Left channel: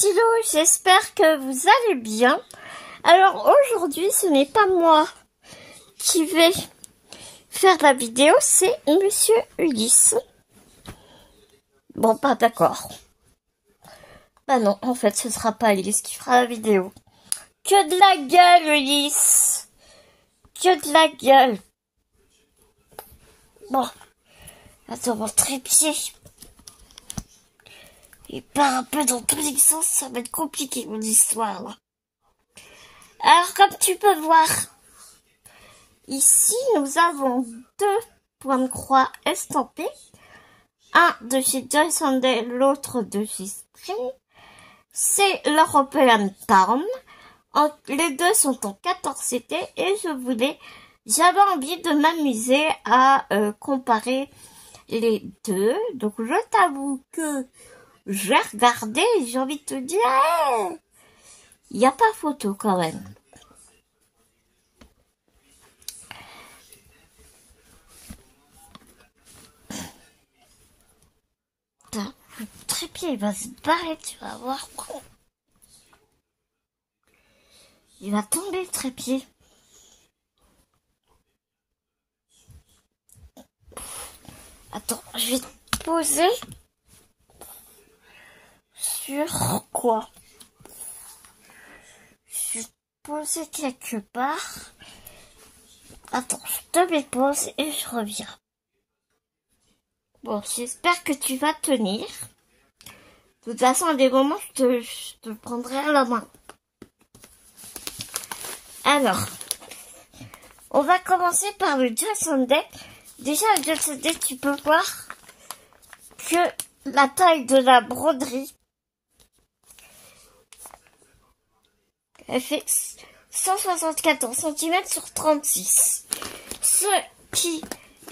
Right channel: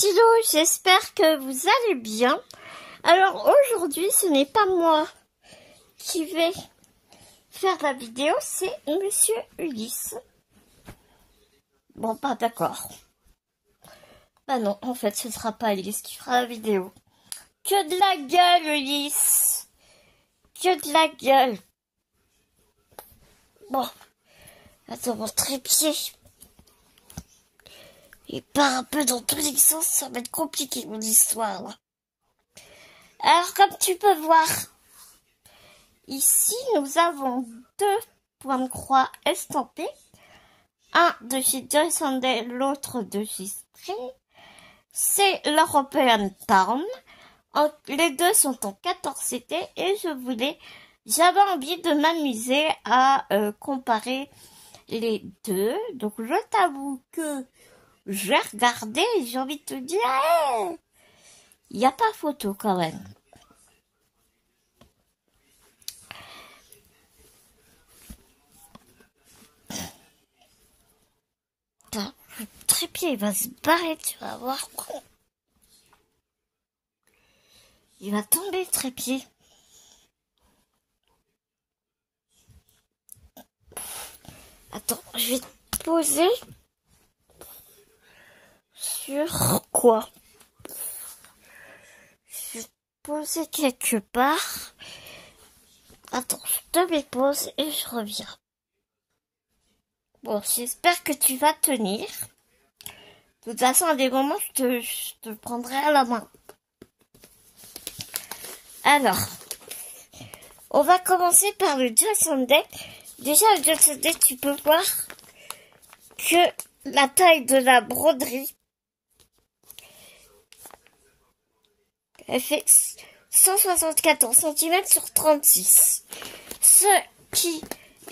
petits loups, j'espère que vous allez bien. Alors aujourd'hui, ce n'est pas moi qui vais faire la vidéo, c'est Monsieur Ulysse. Bon, pas d'accord. Bah non, en fait, ce sera pas Ulysse qui fera la vidéo. Que de la gueule, Ulysse. Que de la gueule. Bon, attends, mon trépied. Il part un peu dans tous les sens, ça va être compliqué mon histoire là. Alors comme tu peux voir, ici nous avons deux points de croix estampés. Un de chez Joy Sunday, l'autre de chez Spring. C'est l'European Palm. Les deux sont en 14 CT et j'avais envie de m'amuser à comparer les deux. Donc je t'avoue que j'ai regardé et j'ai envie de te dire, il n'y a pas photo quand même. Putain, le trépied il va se barrer, tu vas voir. Il va tomber le trépied. Attends, je vais te poser sur quoi? Je vais te poser quelque part. Attends, je te mets pause et je reviens. Bon, j'espère que tu vas tenir. De toute façon, à des moments, je te prendrai à la main. Alors, on va commencer par le Joy Sunday. Déjà, le Joy Sunday, tu peux voir que la taille de la broderie, elle fait 174 cm sur 36. Ce qui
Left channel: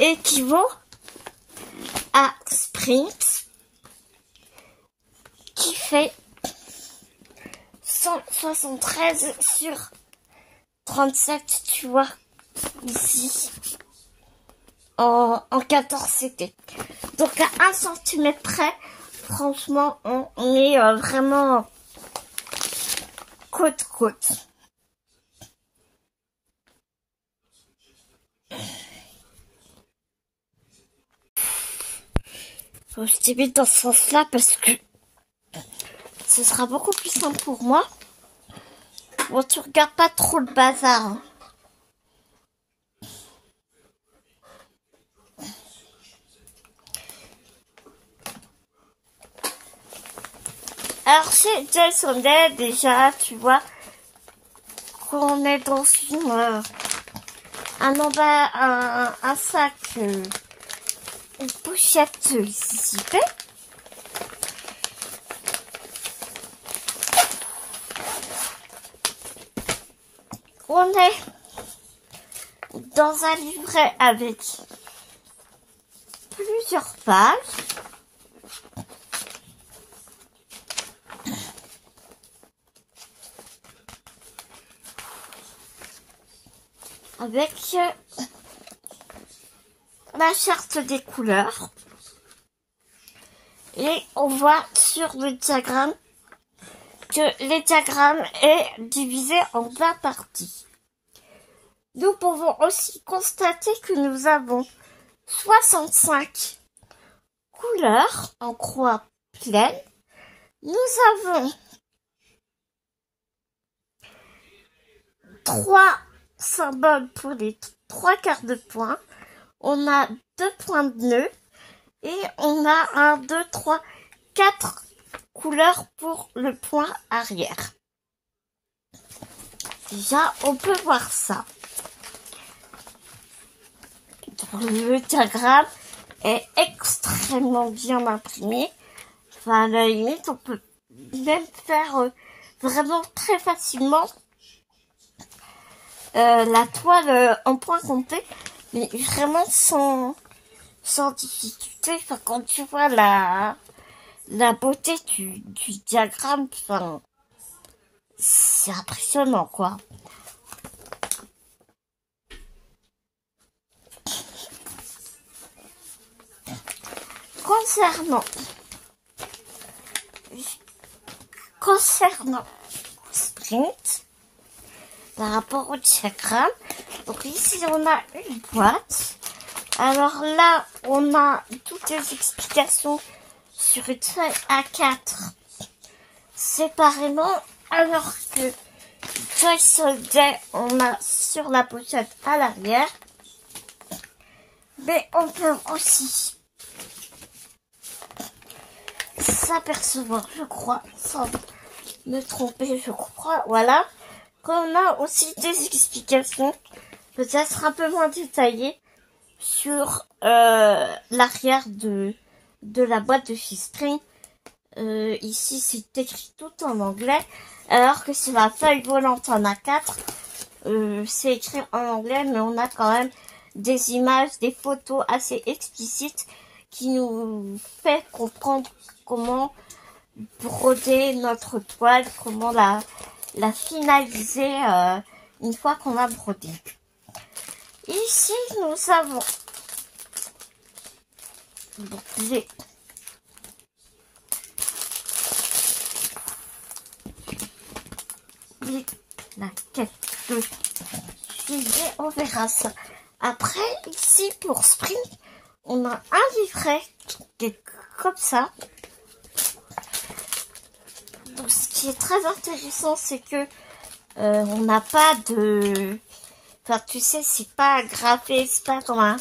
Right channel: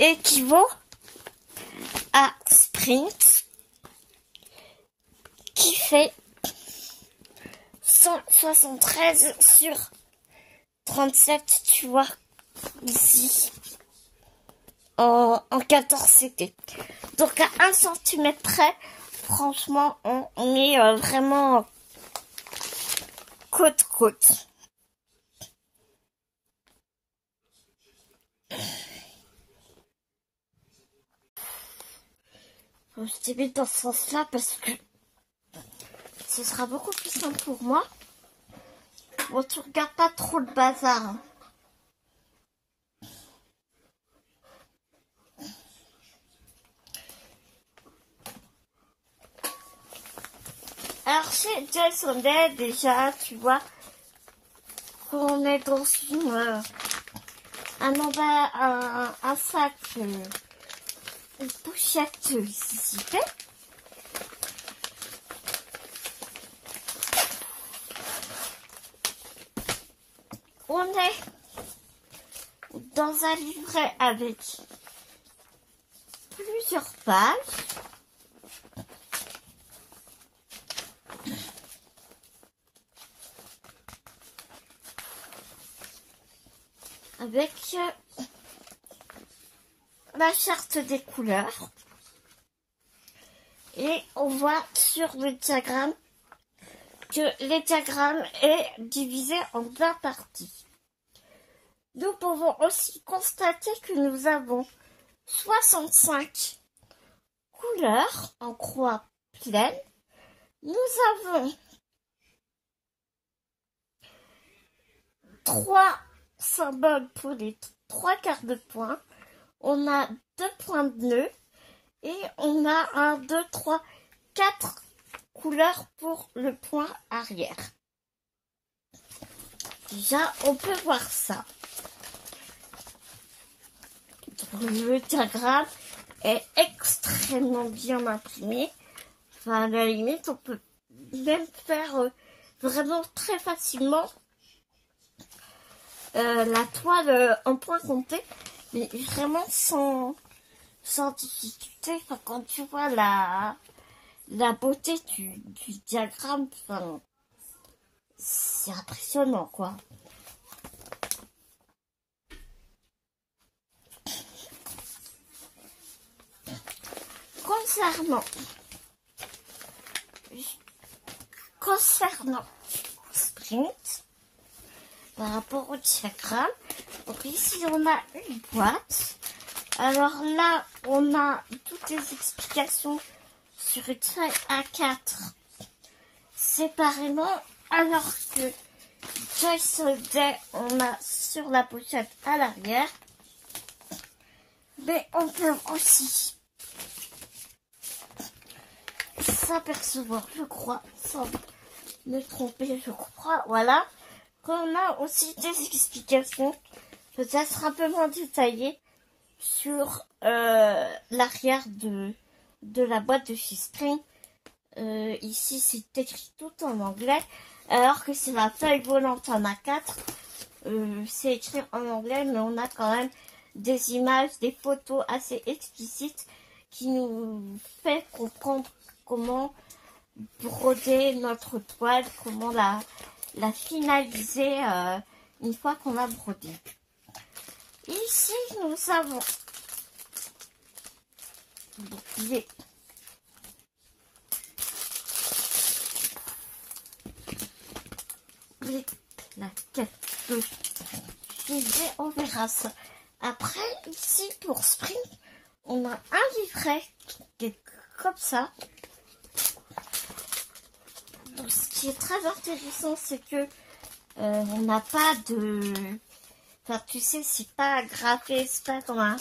équivaut à Sprint, qui fait 173 sur 37, tu vois, ici, en 14 CT. Donc à 1 cm près, franchement, on est vraiment côte-côte. Bon, je t'ai mis dans ce sens-là parce que ce sera beaucoup plus simple pour moi. Bon, tu regardes pas trop le bazar, hein. Alors chez Joy Sunday, déjà, tu vois qu'on est dans un sac, une pochette zipée. On est dans un livret avec plusieurs pages. Avec la charte des couleurs. Et on voit sur le diagramme que les diagrammes est divisé en 20 parties. Nous pouvons aussi constater que nous avons 65 couleurs en croix pleine. Nous avons 3 symboles pour les 3 quarts de point. On a 2 points de nœud et on a 1, 2, 3, 4 couleurs pour le point arrière. Déjà, on peut voir ça. Le diagramme est extrêmement bien imprimé. Enfin, à la limite, on peut même faire vraiment très facilement la toile en point compté, mais vraiment sans difficulté. Enfin, quand tu vois la beauté du diagramme, enfin, c'est impressionnant, quoi. Concernant concernant Sprint, par rapport au diagramme, donc ici on a une boîte. Alors là, on a toutes les explications sur une feuille A4 séparément, alors que Joyce Holiday, on a sur la pochette à l'arrière. Mais on peut aussi s'apercevoir, je crois, sans me tromper, je crois, voilà, qu'on a aussi des explications, peut-être un peu moins détaillées, sur l'arrière de la boîte de chez Spring. Ici, c'est écrit tout en anglais, alors que sur la feuille volante en A4, c'est écrit en anglais, mais on a quand même des images, des photos assez explicites qui nous fait comprendre comment broder notre toile, comment la finaliser une fois qu'on a brodé. Ici, nous avons la quête de filet, on verra ça. Après, ici, pour Spring, on a un livret qui est comme ça. Donc, ce qui est très intéressant, c'est que on n'a pas de... Enfin, tu sais, c'est pas agrafé, c'est pas comme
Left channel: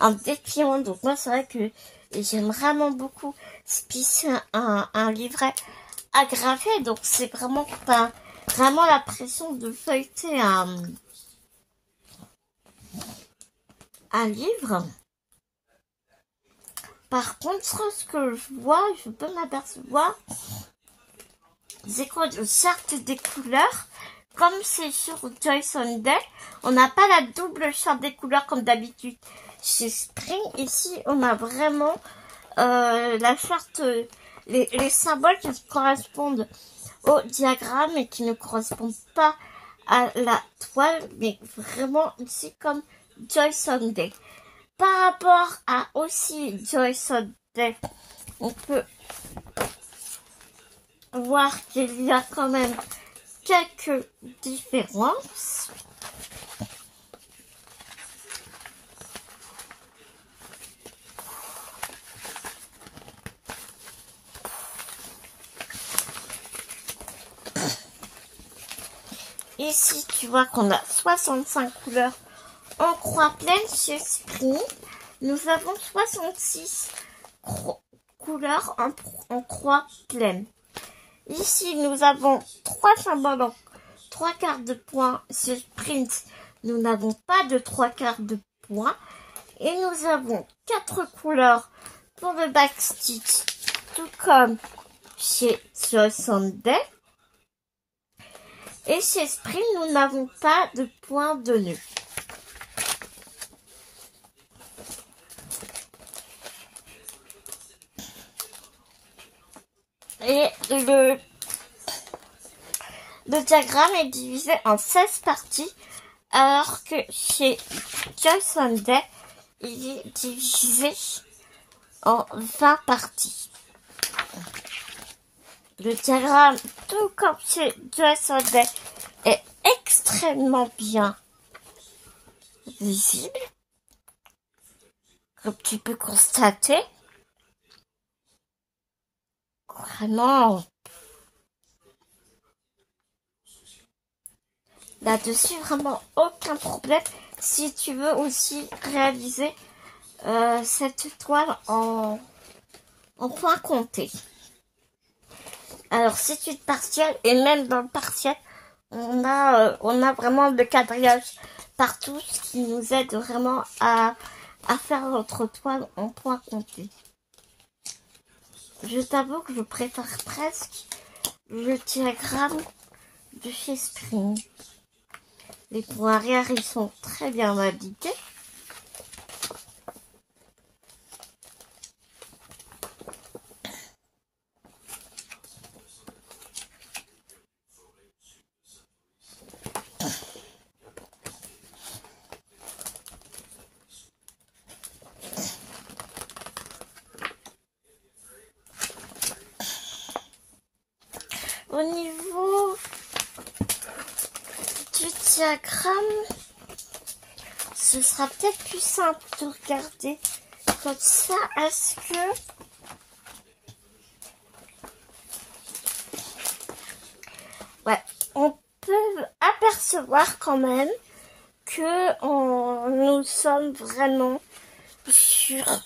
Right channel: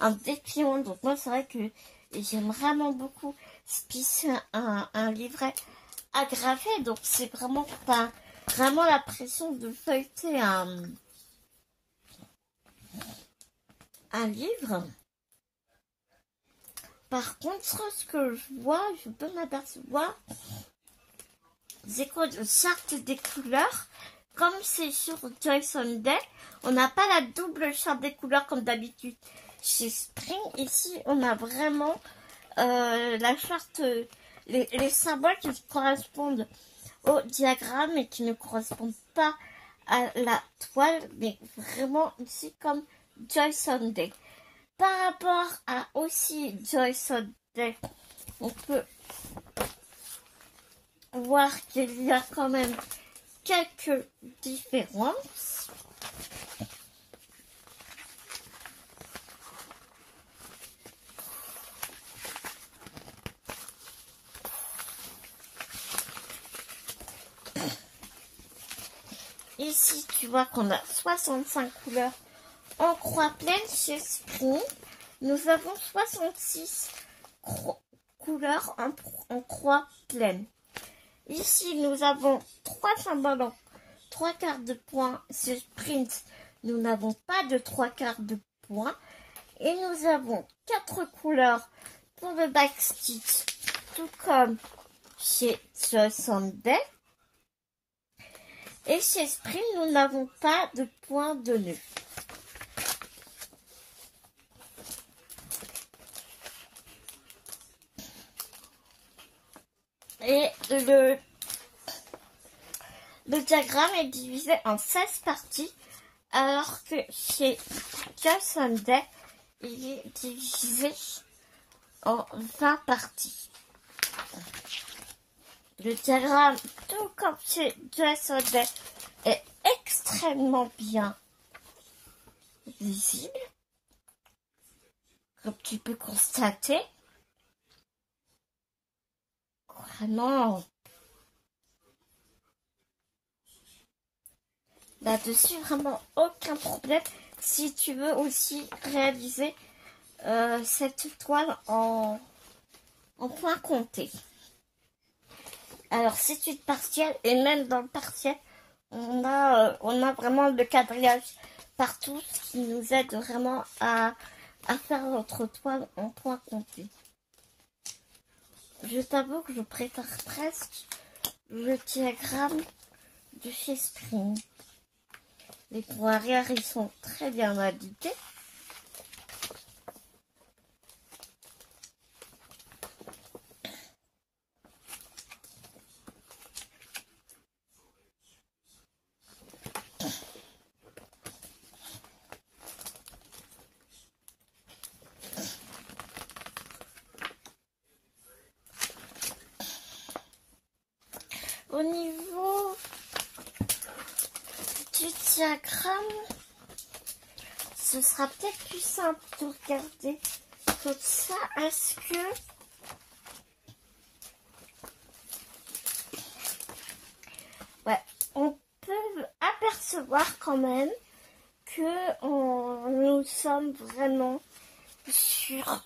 un dépliant. Donc, moi, c'est vrai que j'aime vraiment beaucoup un livret agrafé. Donc, c'est vraiment pas vraiment la pression de feuilleter un livre. Par contre, ce que je vois, je peux m'apercevoir, c'est qu'on charte des couleurs, comme c'est sur Joyce Holiday. On n'a pas la double charte des couleurs comme d'habitude chez Spring. Ici, on a vraiment la charte, les symboles qui correspondent au diagramme et qui ne correspondent pas à la toile, mais vraiment ici comme Joyce Holiday. Par rapport à aussi Joyce Holiday, on peut voir qu'il y a quand même quelques différences. Ici, tu vois qu'on a 65 couleurs en croix pleine chez Spring. Nous avons 66 couleurs en croix pleine. Ici, nous avons 3 symboles en 3 quarts de point. Chez Sprint, nous n'avons pas de 3 quarts de point. Et nous avons 4 couleurs pour le backstitch, tout comme chez Joyce Holiday. Et chez Spring, nous n'avons pas de point de nœud. Et le diagramme est divisé en 16 parties, alors que chez Joyce Holiday, il est divisé en 20 parties. Le diagramme, tout comme chez Joyce Holiday, est extrêmement bien visible, comme tu peux constater. Vraiment, là-dessus, vraiment aucun problème. Si tu veux aussi réaliser cette toile en points comptés. Alors, c'est une partielle, et même dans le partiel, on a vraiment le quadrillage partout, ce qui nous aide vraiment à faire notre toile en points comptés. Je t'avoue que je préfère presque le diagramme de chez Spring. Les points arrière, ils sont très bien indiqués. Au niveau du diagramme, ce sera peut-être plus simple de regarder comme ça. Est-ce que ouais, on peut apercevoir quand même que nous sommes vraiment sur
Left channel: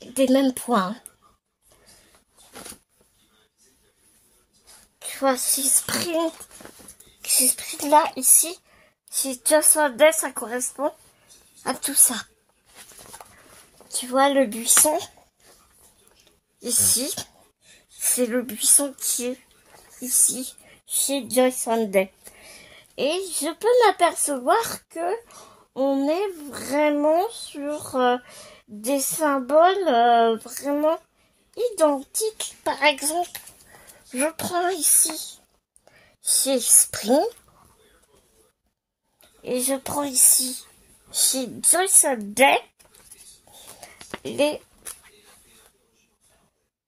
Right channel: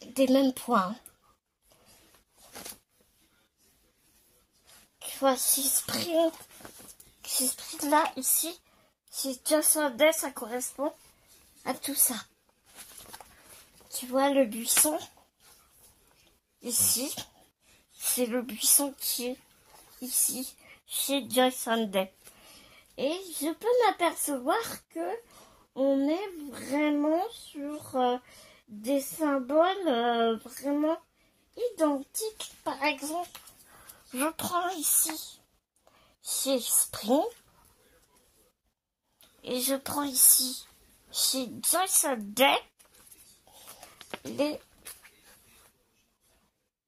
des mêmes points. Tu vois, si sprint là, ici, si Just One Day, ça correspond à tout ça. Tu vois le buisson ici, c'est le buisson qui est ici, chez Joy Sunday. Et je peux m'apercevoir que on est vraiment sur des symboles vraiment identiques. Par exemple, je prends ici chez Spring et je prends ici chez Joy Sunday.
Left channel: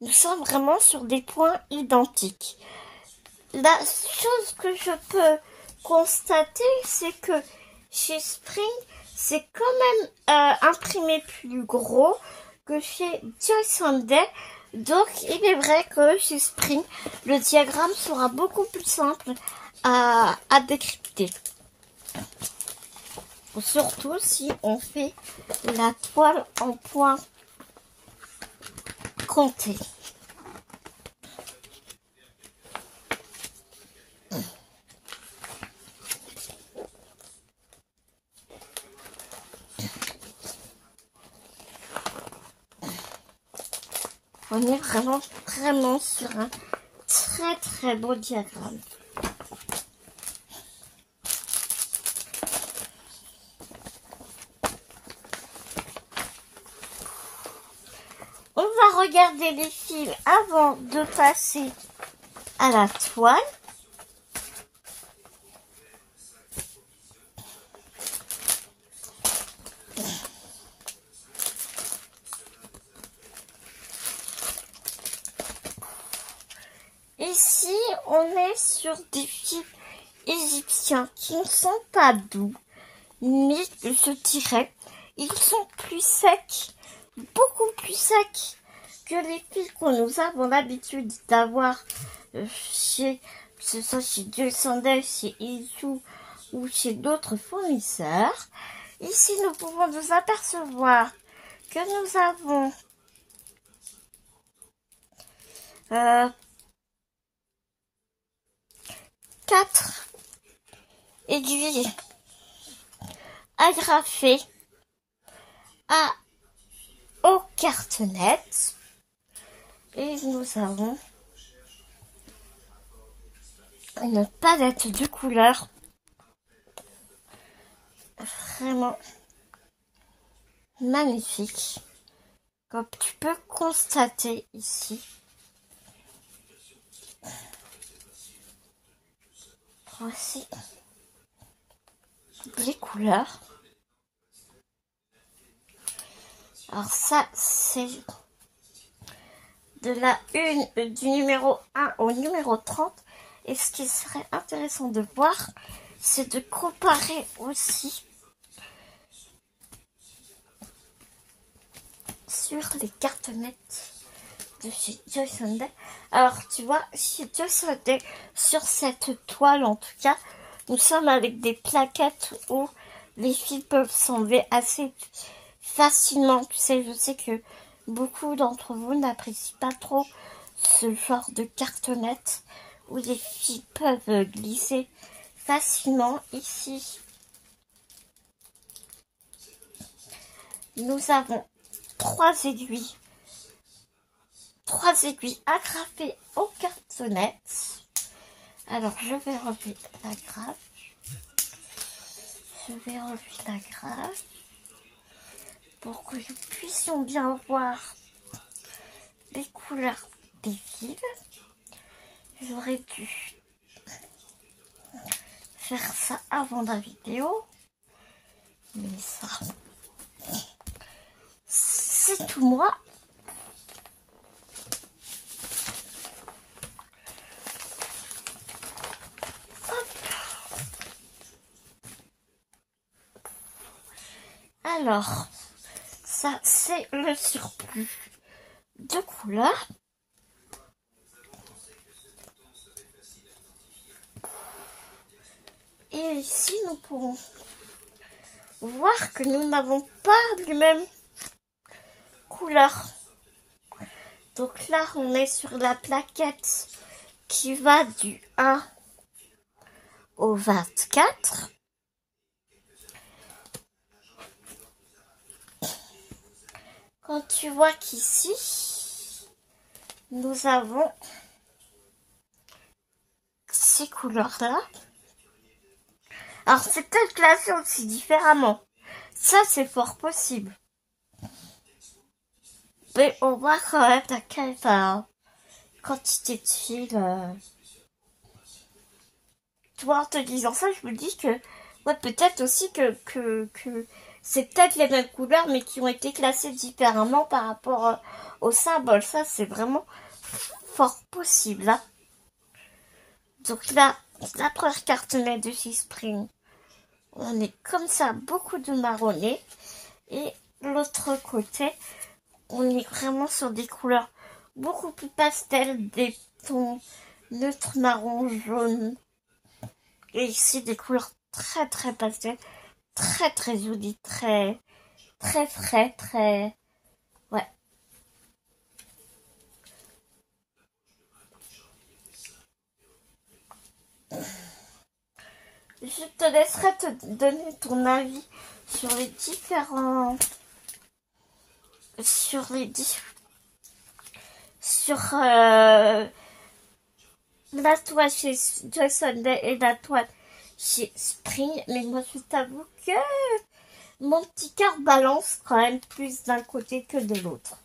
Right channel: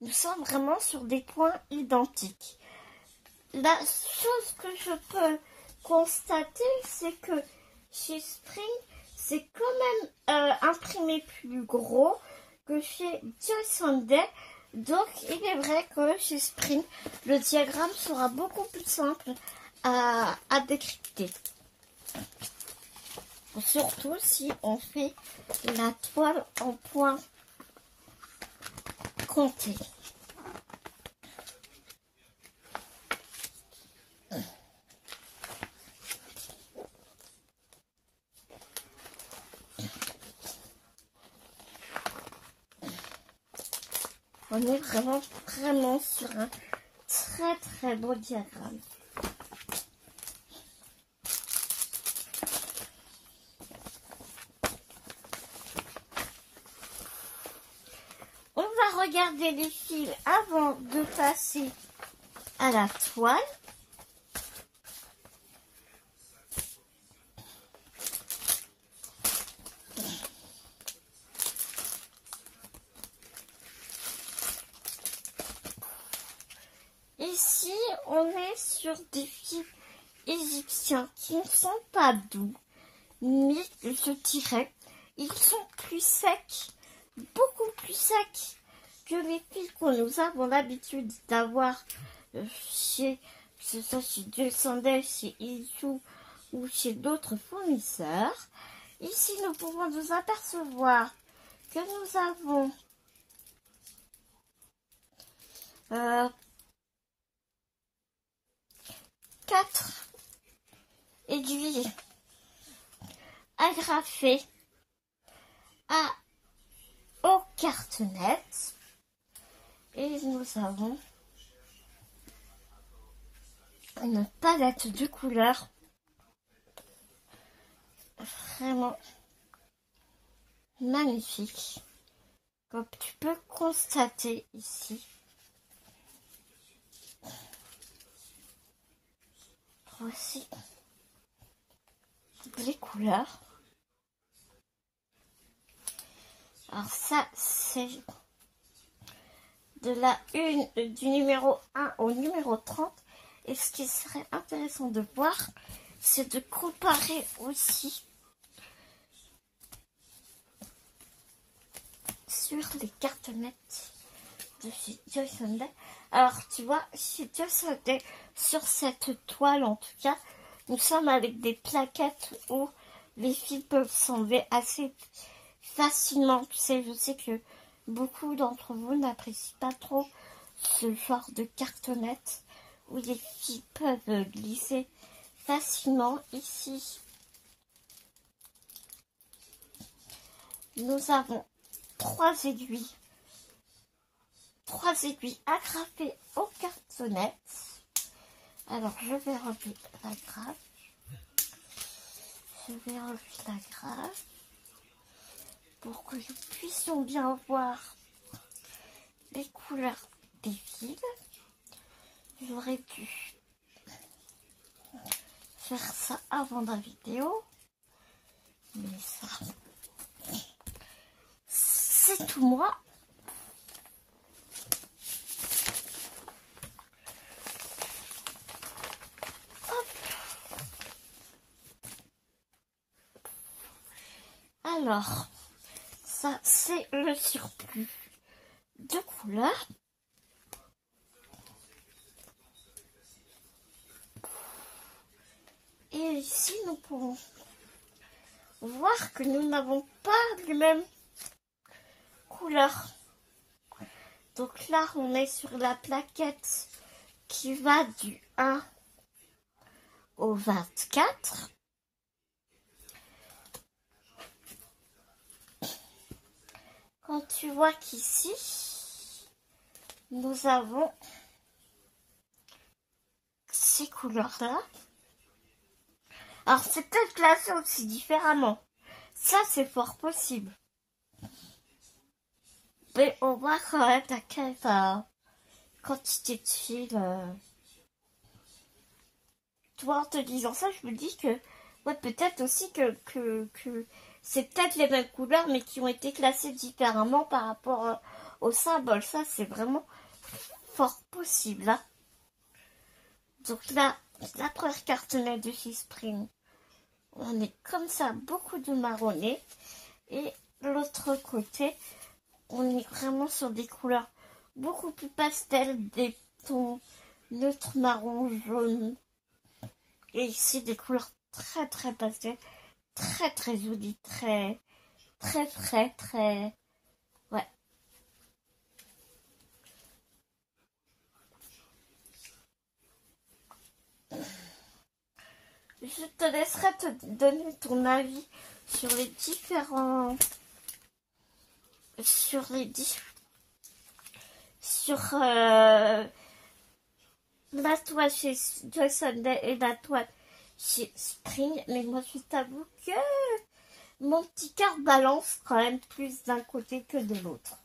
Nous sommes vraiment sur des points identiques. La chose que je peux constater, c'est que chez Spring, c'est quand même imprimé plus gros que chez Joy Sunday. Donc, il est vrai que chez Spring, le diagramme sera beaucoup plus simple à décrypter. Surtout si on fait la toile en points comptés. On est vraiment sur un très beau diagramme. On va regarder les fils avant de passer à la toile. Ici, on est sur des fils égyptiens qui ne sont pas doux, mais je dirais, ils sont plus secs, beaucoup plus secs que les fils que nous avons l'habitude d'avoir chez, que ce soit chez Joy Sunday, chez Izu ou chez d'autres fournisseurs. Ici, nous pouvons nous apercevoir que nous avons 4 aiguilles agrafées aux cartonnettes et nous avons une palette de couleurs vraiment magnifique, comme tu peux constater ici. Voici les couleurs. Alors ça, c'est de la une du numéro 1 au numéro 30. Et ce qui serait intéressant de voir, c'est de comparer aussi sur les cartonnettes de chez Joy Sunday. Alors, tu vois, chez Joy Sunday, sur cette toile en tout cas, nous sommes avec des plaquettes où les fils peuvent s'enlever assez facilement. Tu sais, je sais que beaucoup d'entre vous n'apprécient pas trop ce genre de cartonnettes où les fils peuvent glisser facilement. Ici, nous avons 3 aiguilles agrafées aux cartonnettes. Alors, je vais enlever la grappe. Pour que nous puissions bien voir les couleurs des fils. J'aurais dû faire ça avant la vidéo, mais ça, c'est tout moi. Alors, ça c'est le surplus de couleurs. Et ici, nous pourrons voir que nous n'avons pas les mêmes couleurs. Donc là, on est sur la plaquette qui va du 1 au 24. Quand tu vois qu'ici, nous avons ces couleurs-là. Alors, c'est peut-être classé aussi différemment. Ça, c'est fort possible. Mais on voit quand même à quelle quantité de fil. Tu vois, en te disant ça, je me dis que ouais, peut-être aussi que c'est peut-être les mêmes couleurs, mais qui ont été classées différemment par rapport au symbole. Ça, c'est vraiment fort possible. Hein. Donc là, la première carte de chez Spring. On est comme ça, beaucoup de marronné. Et l'autre côté, on est vraiment sur des couleurs beaucoup plus pastel, des tons neutres, marron, jaune. Et ici, des couleurs très très pastel, très très jolies, très frais, très... Ouais. Je te laisserai te donner ton avis sur les différents... Sur la toile chez Joy Sunday et la toile chez Spring. Mais moi, je t'avoue que mon petit cœur balance quand même plus d'un côté que de l'autre.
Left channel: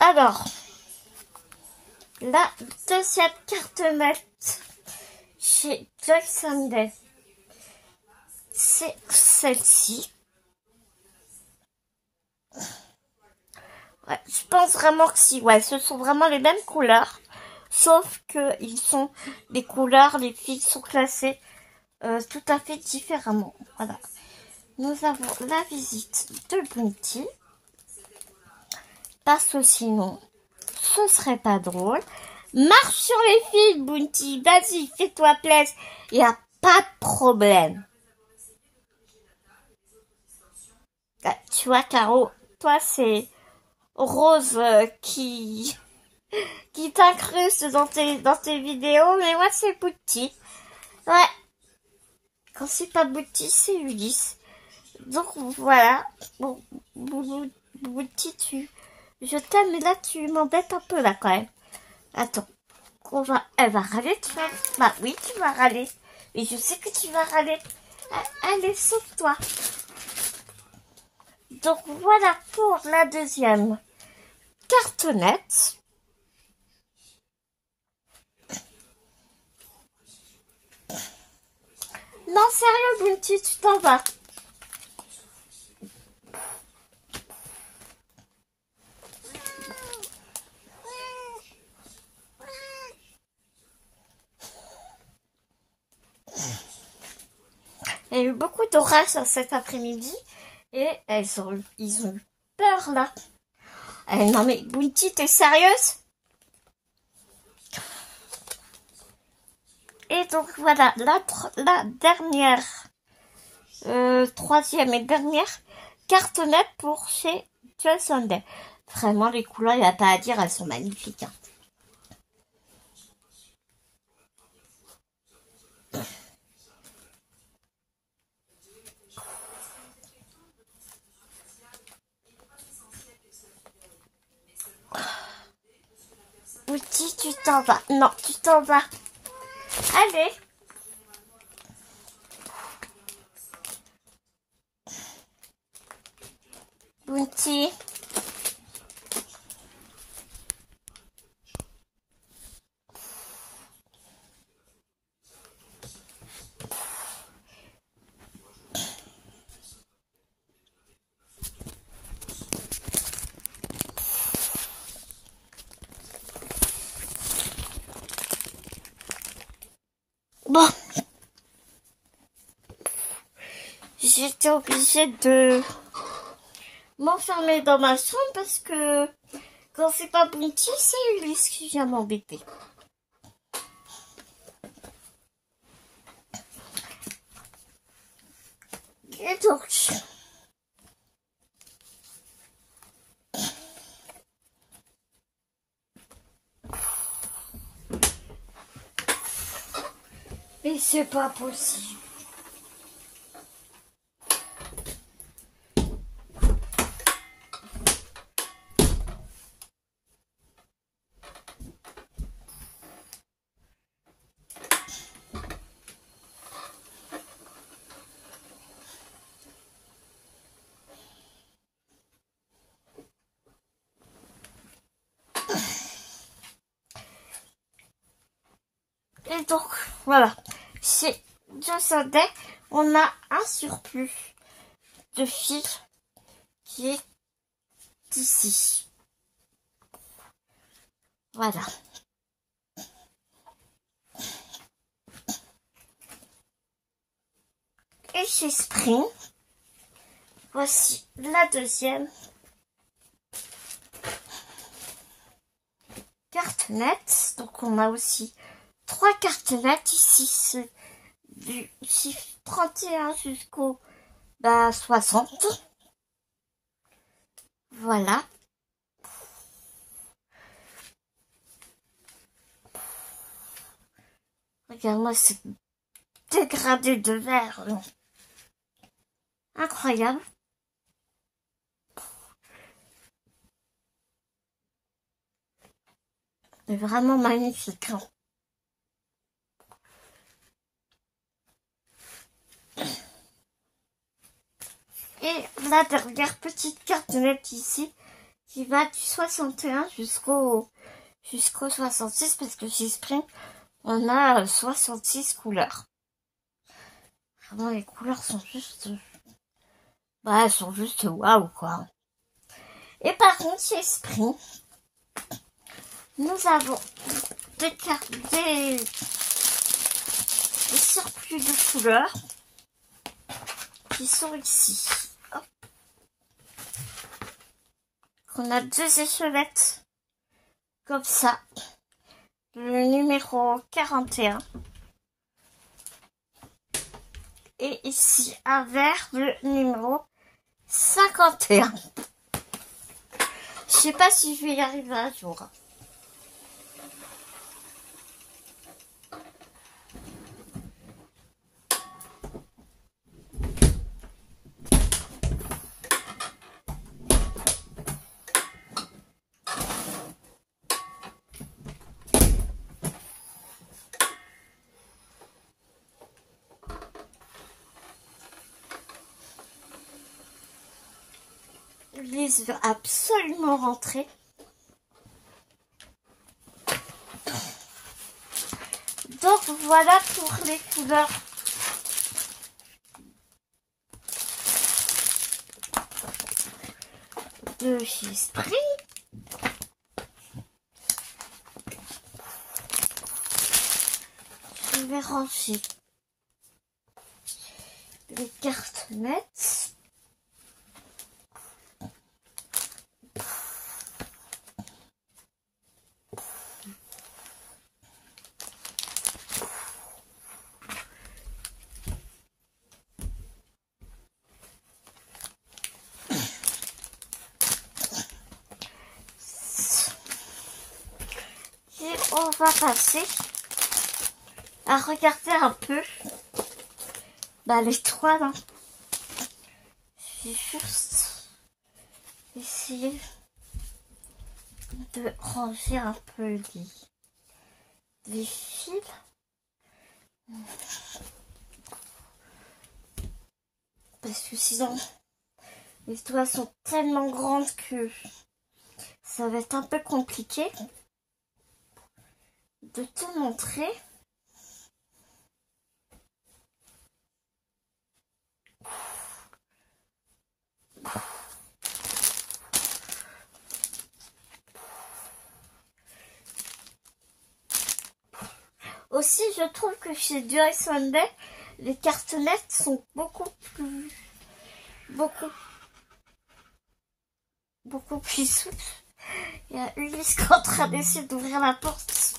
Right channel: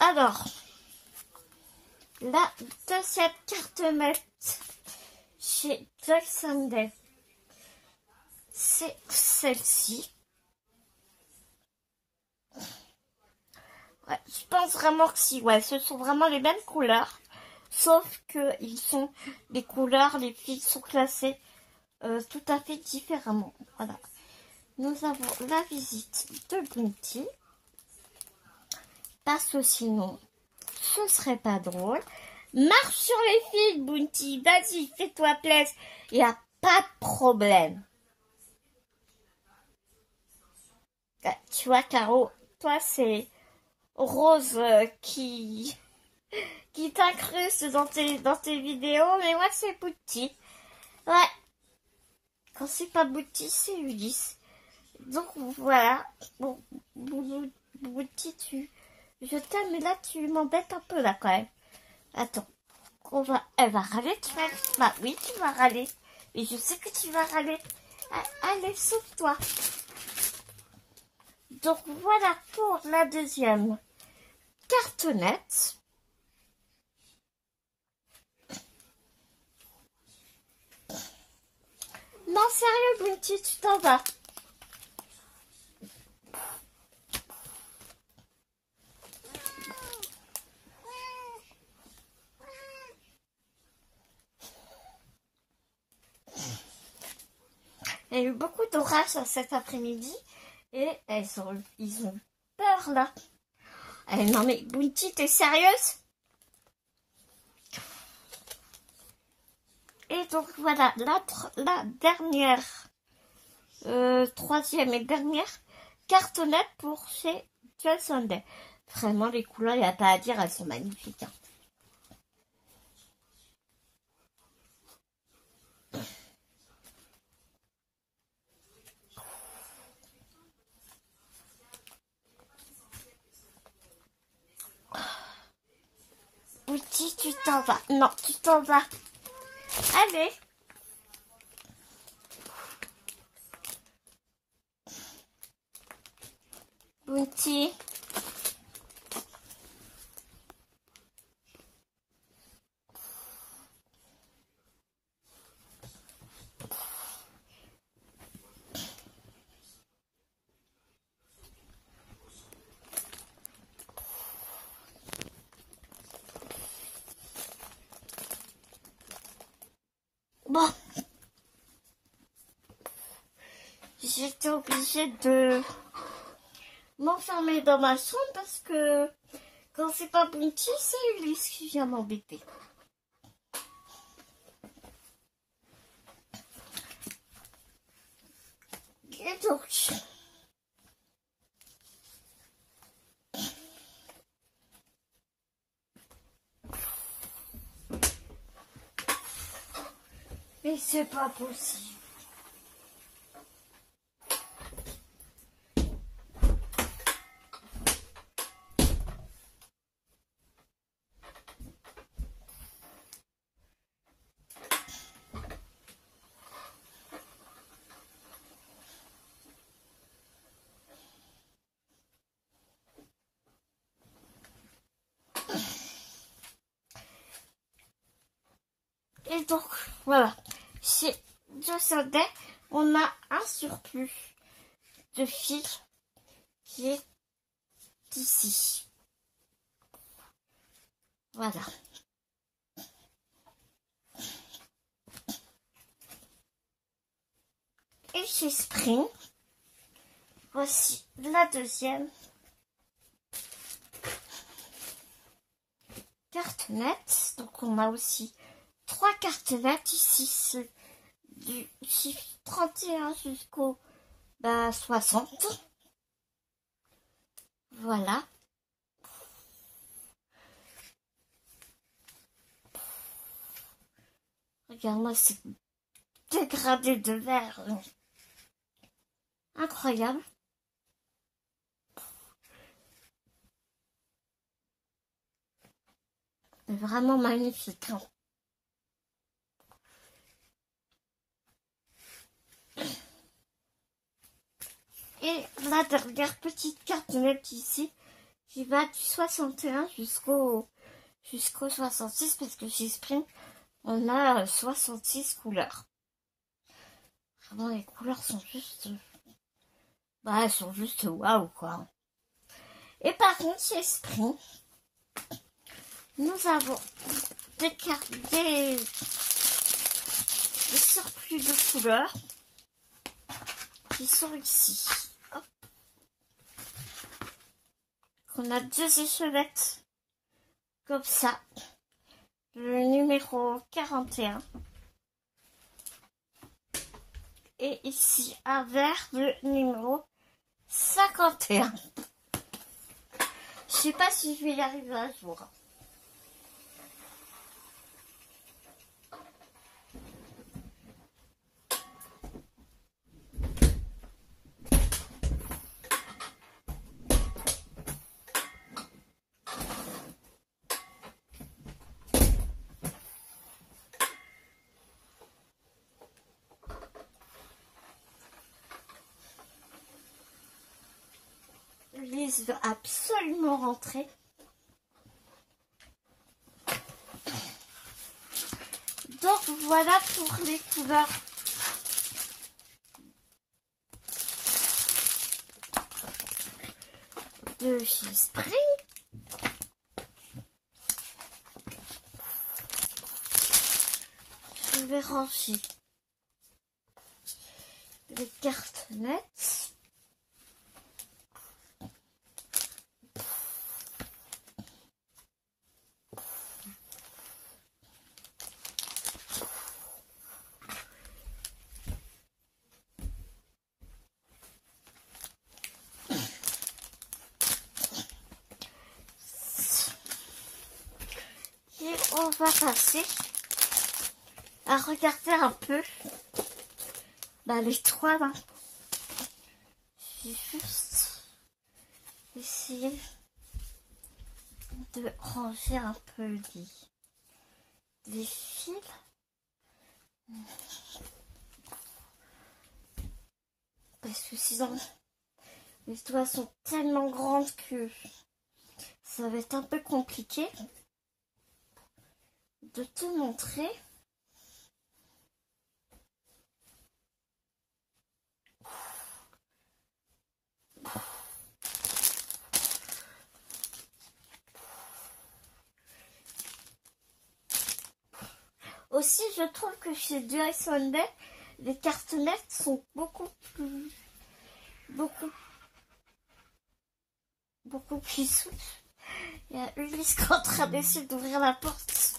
Alors, la deuxième carte maître chez Joy Sunday, c'est celle-ci. Ouais, je pense vraiment que si, ouais, ce sont vraiment les mêmes couleurs, sauf que ils sont les couleurs, les fils sont classés tout à fait différemment. Voilà. Nous avons la visite de Bounty. Parce que sinon, ce serait pas drôle. Marche sur les fils, Bounty. Vas-y, fais-toi plaisir. Il n'y a pas de problème. Ah, tu vois, Caro, toi, c'est Rose qui t'incruste dans tes vidéos. Mais moi, c'est Bounty. Ouais. Quand c'est pas Bounty, c'est Ulysse. Donc, voilà. Bon, Bounty, je t'aime, mais là, tu m'embêtes un peu, là, quand même. Attends. Elle va râler, tu vois. Bah oui, tu vas râler. Et je sais que tu vas râler. Allez, sauve-toi. Donc, voilà pour la deuxième cartonnette. Non, sérieux, Bounty, tu t'en vas. Il y a eu beaucoup d'orage cet après-midi et ils ont eu peur là. Non mais Bounty, t'es sérieuse? Et donc voilà, la dernière, troisième et dernière cartonnette pour chez Joy Sunday. Vraiment, les couleurs, il n'y a pas à dire, elles sont magnifiques. Hein. Bounty, tu t'en vas. Non, tu t'en vas. Allez. Bounty. Bon, j'étais obligée de m'enfermer dans ma chambre parce que quand c'est pas Bounty, c'est Ulysse qui vient m'embêter. Et donc, mais c'est pas possible. Et donc, voilà. Chez Joss Day, on a un surplus de fil qui est ici. Voilà. Et chez Spring, voici la deuxième carte nette. Donc on a aussi 3 cartes nettes ici, du chiffre 31 jusqu'au 60. Voilà. Regarde-moi ce dégradé de verre. Incroyable. C'est vraiment magnifique. Hein. Et la dernière petite carte nette ici, qui va du 61 jusqu'au 66, parce que chez Spring, on a 66 couleurs. Vraiment, les couleurs sont juste... elles sont juste waouh, quoi. Et par contre, chez Spring, nous avons des cartes, des surplus de couleurs qui sont ici. Hop. On a 2 échelettes comme ça. Le numéro 41. Et ici, un vert, le numéro 51. Je sais pas si je vais y arriver un jour. Lise veut absolument rentrer. Donc voilà pour les couleurs de chez Spring. Je vais ranger les cartes nettes. Et on va passer à regarder un peu les 3 là. Je vais juste essayer de ranger un peu les fils. Parce que sinon, les doigts sont tellement grandes que ça va être un peu compliqué de te montrer. Au Aussi, je trouve que chez Joy Sunday, les cartonnettes sont beaucoup plus souples. Il y a Ulysse qui est en train d'essayer d'ouvrir la porte.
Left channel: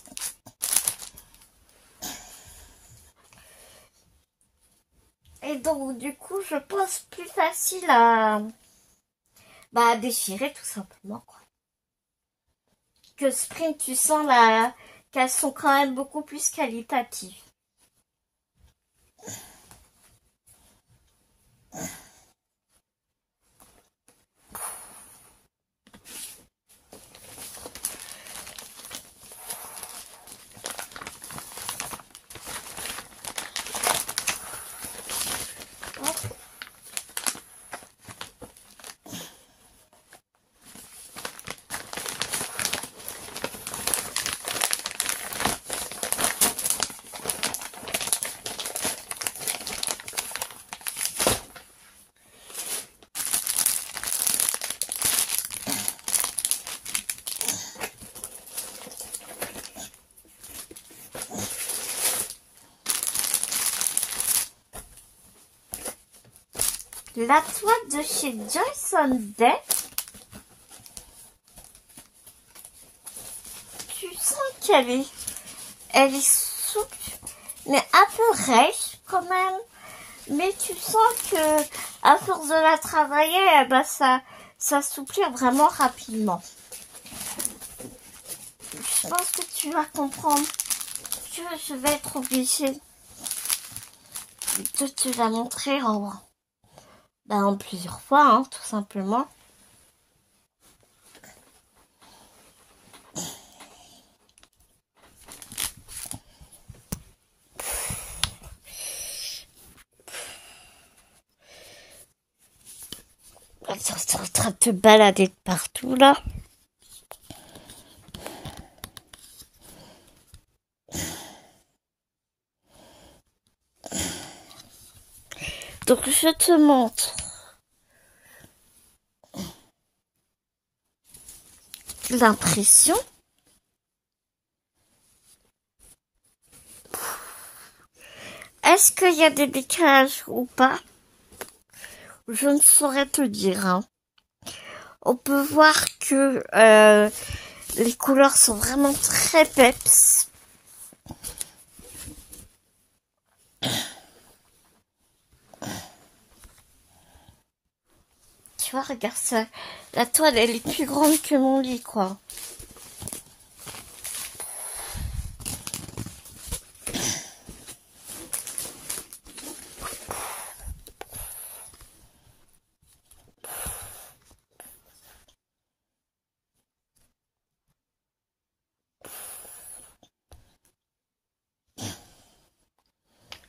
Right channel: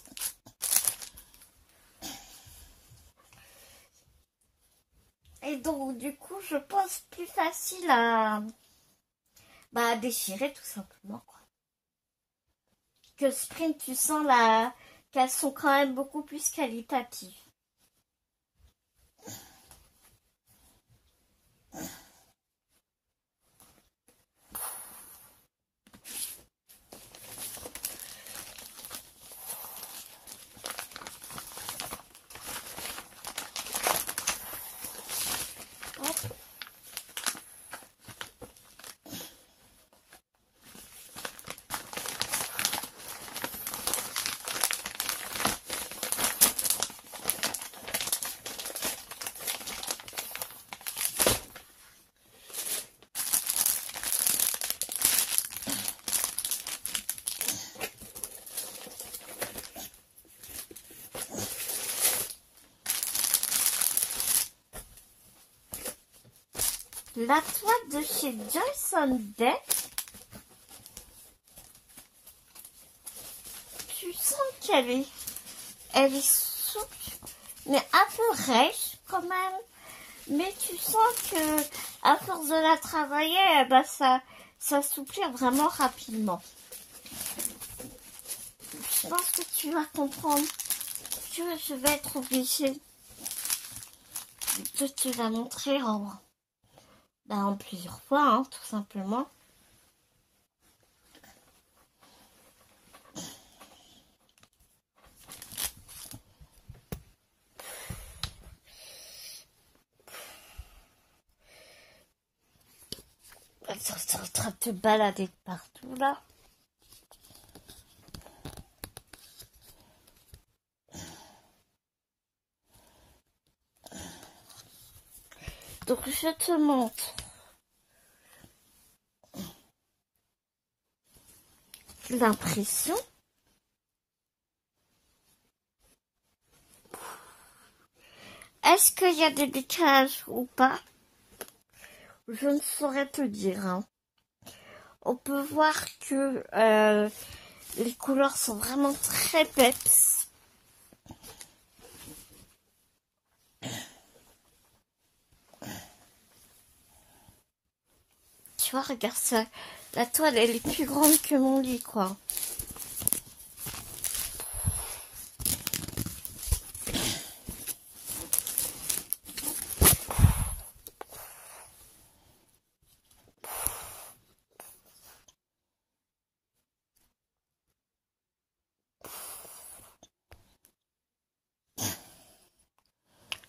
Et donc, du coup, je pense plus facile à déchirer tout simplement, quoi. Que Sprint, tu sens qu'elles sont quand même beaucoup plus qualitatives. La toile de chez Joy Sunday, tu sens qu'elle est souple, mais un peu rêche quand même. Mais tu sens que à force de la travailler, ça s'assouplit vraiment rapidement. Je pense que tu vas comprendre que je vais être obligée de te la montrer en plusieurs fois, hein, tout simplement. T'es en train de te balader de partout, là. Donc, je te montre l'impression. Est-ce qu'il y a des décalages ou pas? Je ne saurais te dire. Hein. On peut voir que les couleurs sont vraiment très peps. Tu vois, regarde ça. La toile, elle est plus grande que mon lit, quoi.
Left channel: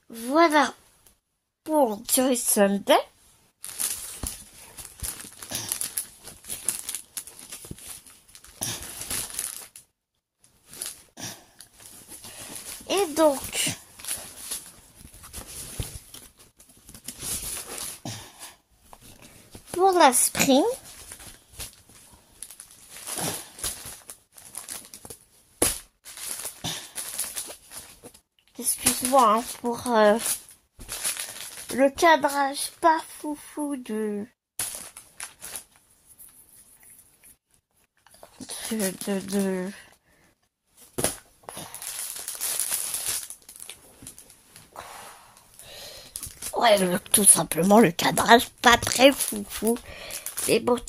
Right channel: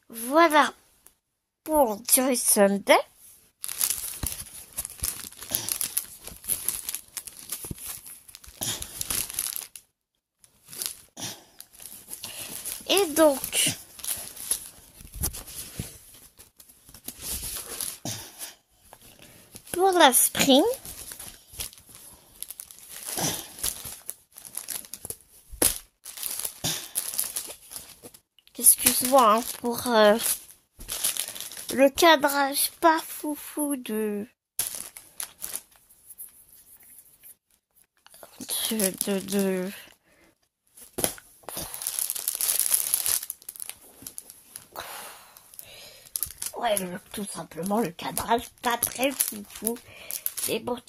Voilà pour Joy Sunday. Et donc, pour la Spring, excuse-moi hein, pour le cadrage pas foufou de ouais, tout simplement le cadrage pas très foufou. Et bon,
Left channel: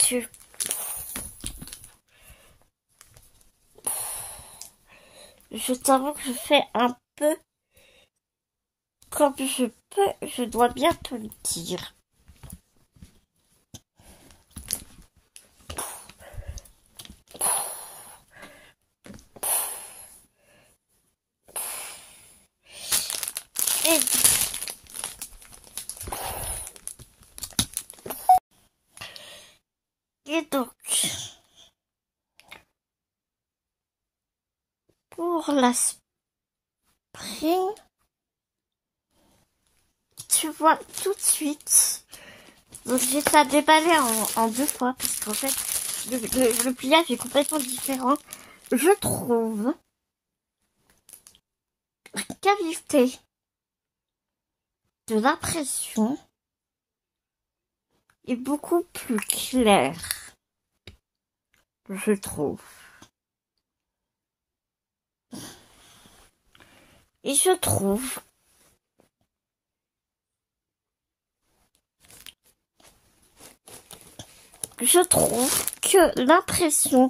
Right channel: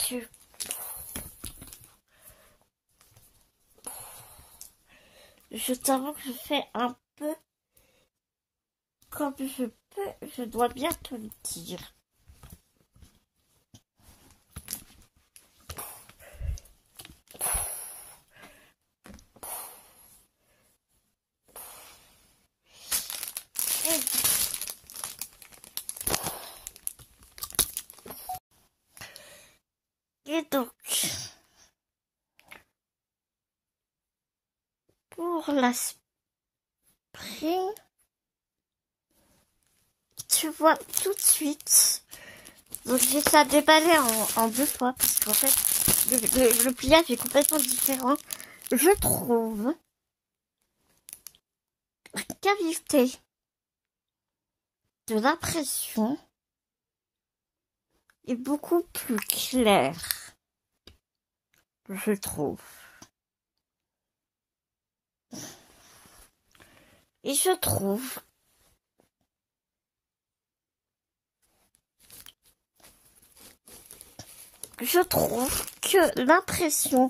je t'avoue que je fais un peu comme je peux, je dois bien te le dire. Et donc, pour la Spring, tu vois tout de suite. Donc j'ai ça déballé en deux fois parce qu'en fait le pliage est complètement différent. Je trouve la qualité de l'impression est beaucoup plus claire, je trouve. Et je trouve que l'impression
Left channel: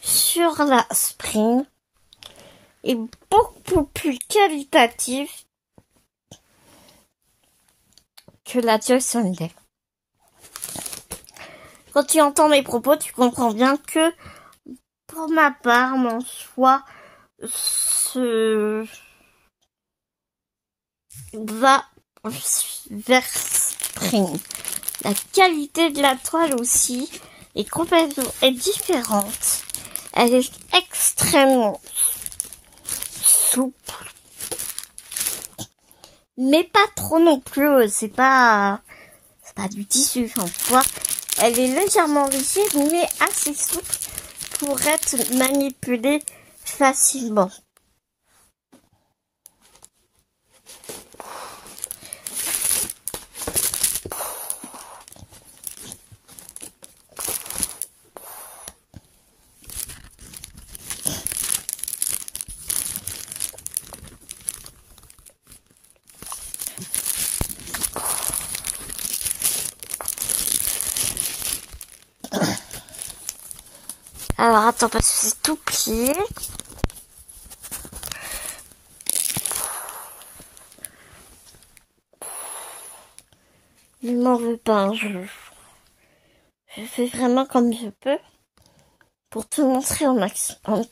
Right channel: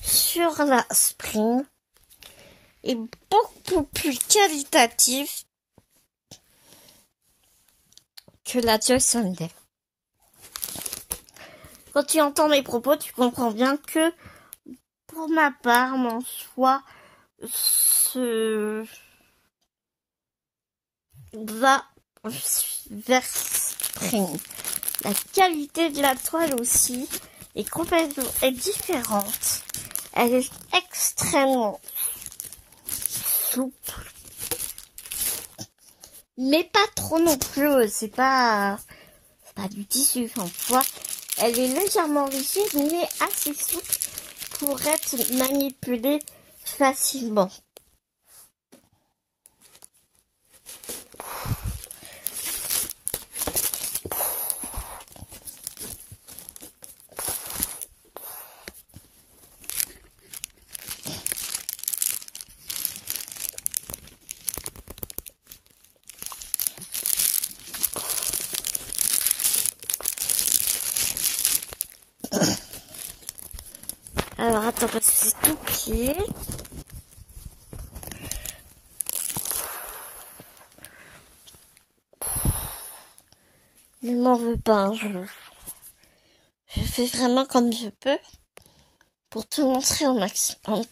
sur la Spring est beaucoup plus qualitative que la Joy Sunday. Quand tu entends mes propos, tu comprends bien que, pour ma part, mon choix va vers Spring. La qualité de la toile aussi est complètement différente. Elle est extrêmement souple, mais pas trop non plus. C'est pas du tissu, enfin, tu vois. Elle est légèrement rigide, mais assez souple pour être manipulée facilement. Alors attends, parce que c'est tout plié. Ne m'en veux pas, hein, je fais vraiment comme je peux pour te montrer au maximum.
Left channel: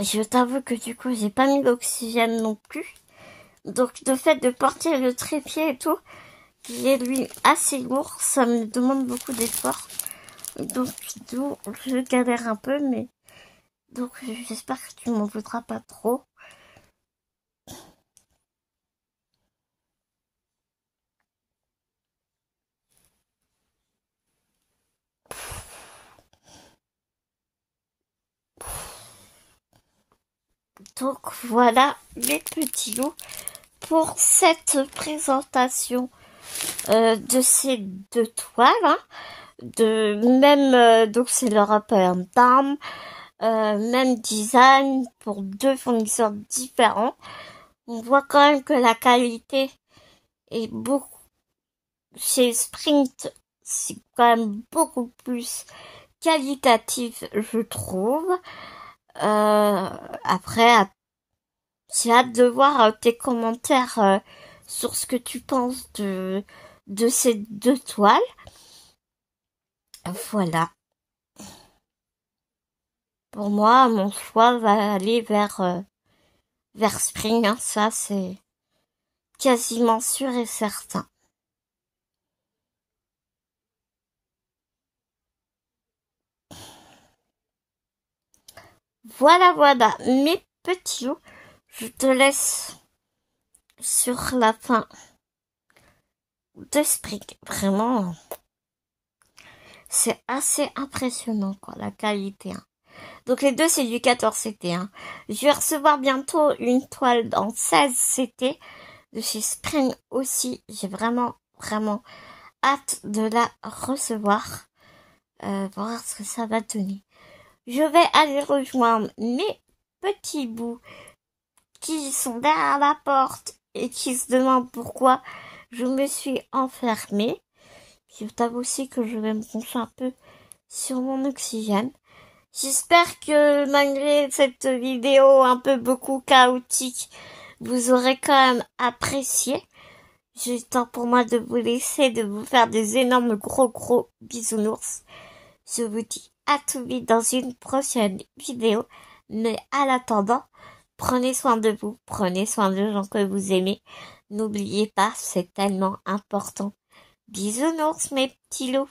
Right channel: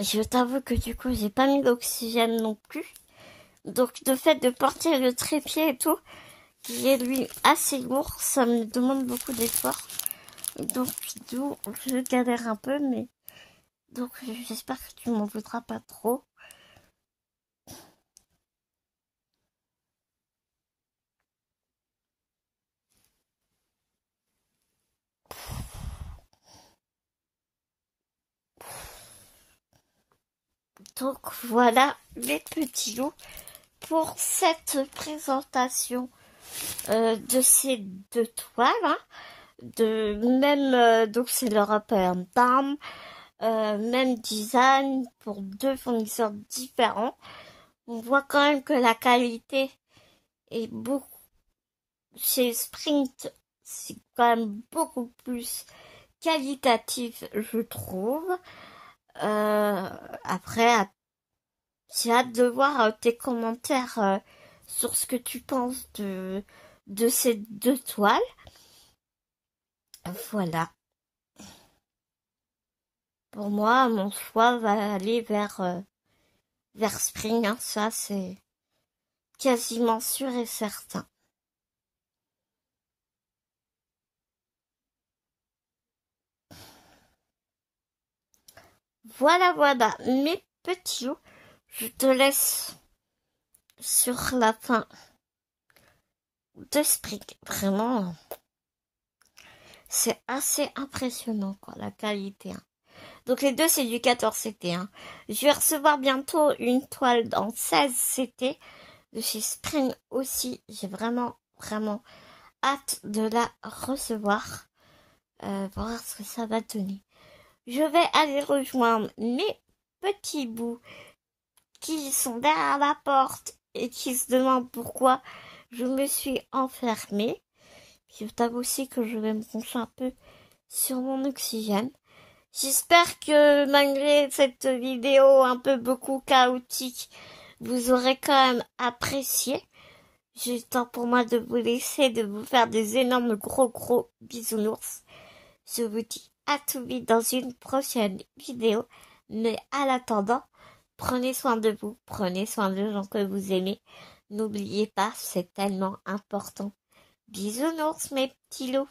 Je t'avoue que du coup j'ai pas mis d'oxygène non plus. Donc le fait de porter le trépied et tout, qui est lui assez lourd, ça me demande beaucoup d'efforts. Donc je galère un peu, mais donc j'espère que tu m'en voudras pas trop. Donc voilà les petits loups pour cette présentation de ces deux toiles. Hein. Donc c'est l'European Palm, même design pour deux fournisseurs différents. On voit quand même que la qualité est beaucoup, chez Sprint, c'est quand même beaucoup plus qualitatif, je trouve. Après, j'ai hâte de voir tes commentaires sur ce que tu penses de ces deux toiles. Voilà. Pour moi, mon choix va aller vers Spring. Hein. Ça, c'est quasiment sûr et certain. Voilà, mes petits loups. Je te laisse sur la fin de Spring. Vraiment, c'est assez impressionnant, quoi, la qualité. Hein. Donc les deux, c'est du 14 CT. Hein. Je vais recevoir bientôt une toile en 16 CT de chez Spring aussi. J'ai vraiment hâte de la recevoir pour voir ce que ça va donner. Je vais aller rejoindre mes petits bouts qui sont derrière la porte et qui se demandent pourquoi je me suis enfermée. Je t'avoue aussi que je vais me concentrer un peu sur mon oxygène. J'espère que malgré cette vidéo un peu beaucoup chaotique, vous aurez quand même apprécié. J'ai temps pour moi de vous laisser, de vous faire des énormes gros bisounours. Je vous dis à tout vite dans une prochaine vidéo. Mais à l'attendant, prenez soin de vous, prenez soin des gens que vous aimez. N'oubliez pas, c'est tellement important. Bisounours mes petits loups.